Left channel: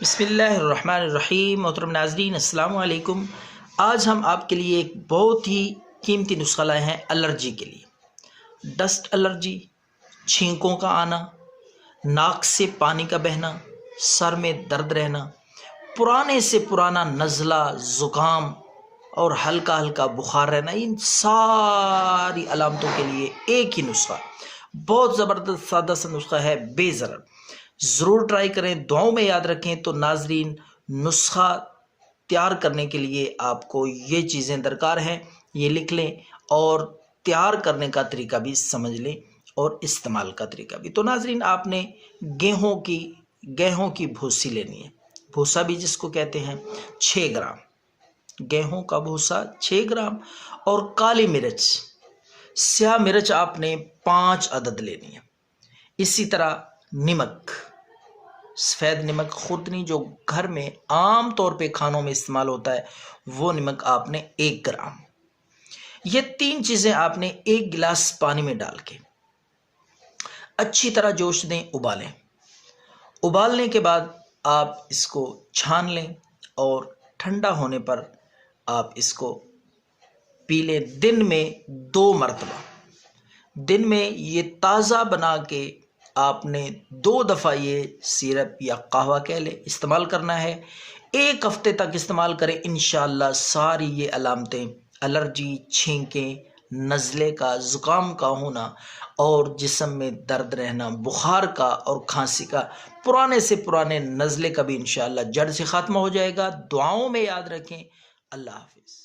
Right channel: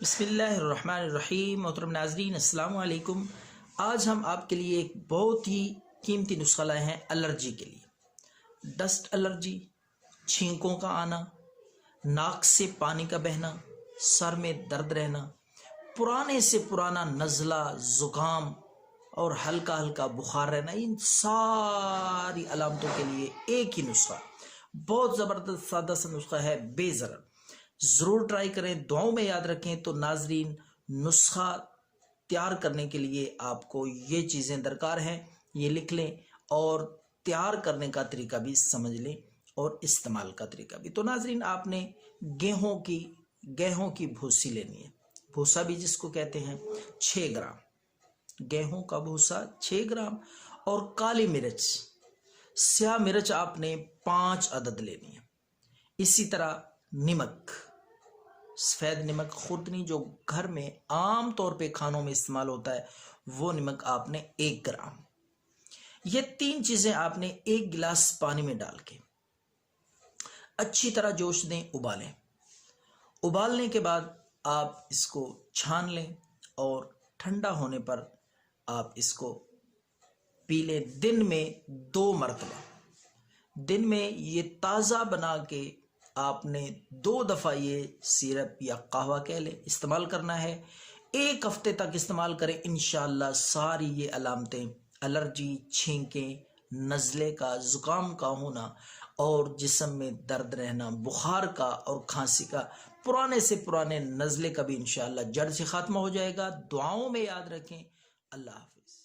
بسم اللہ الرحمن الرحیم۔ محترم ناظرین السلام علیکم۔ آج ہم آپ کے لیے ایک بہت ہی قیمتی نسخہ لائے ہیں الرجی کے لیے۔ ڈسٹ الرجی، چھینکوں کا آنا، ناک سے پانی کا بہنا، سر میں درد رہنا، پرانے سے پرانا نزلہ، زکام اور ہلکا ہلکا بخار رہنا، ان ساری علامتوں کے لیے ایک ہی نسخہ، بہت زبردست سادہ سا نسخہ ہے، بے ضرر۔ ضرور ٹرائی کریں، دعاؤں میں یاد رکھیں۔ تو ناظرین، نسخہ تیار کرنے کے لیے آپ کو یہ چیزیں درکار ہیں، یہ لکھ لیں اور تیار کرنے کا طریقہ بھی سمجھ لیں اور استعمال کا طریقہ بھی۔ تو ناظرین، آپ نے گیہوں کی بھوسی لینی ہے، بھوسا بھی جس کو کہتے ہیں، 6 گرام گیہوں کا بھوسا، 6 گرام، اور کالی مرچ، سیاہ مرچ آپ نے 5 عدد لینی ہے۔ اسی طرح نمک، سفید نمک خوردنی جو گھر میں عام طور پہ کھانوں میں استعمال ہوتا ہے، وہ نمک آپ نے 1 گرام۔ یہ 3 چیزیں آپ نے 1 گلاس پانی میں ڈال کے اچھی طرح جوش دیں، ابالیں۔ ابالنے کے بعد آپ اس کو چھان لیں اور ٹھنڈا ہونے پر آپ اس کو پی لیں، دن میں 2 مرتبہ۔ دن میں یہ تازہ بنا کے آپ نے 2 دفعہ یہ سیرپ یا قہوہ کہہ لیں استعمال کرنا ہے۔ 1 ہفتے تک استعمال کریں، انشاءاللہ ساری یہ علامتیں، الرجی، چھینکیں، نزلے کا، زکام کا ہونا اور جسم میں درد رہنا، بخار کا اور کھانسی کا، پرانے سے پرانے نزلے کا بھی انشاءاللہ جڑ سے خاتمہ ہو جائے گا۔ دعاؤں میں یاد رکھیں۔ اللہ حافظ۔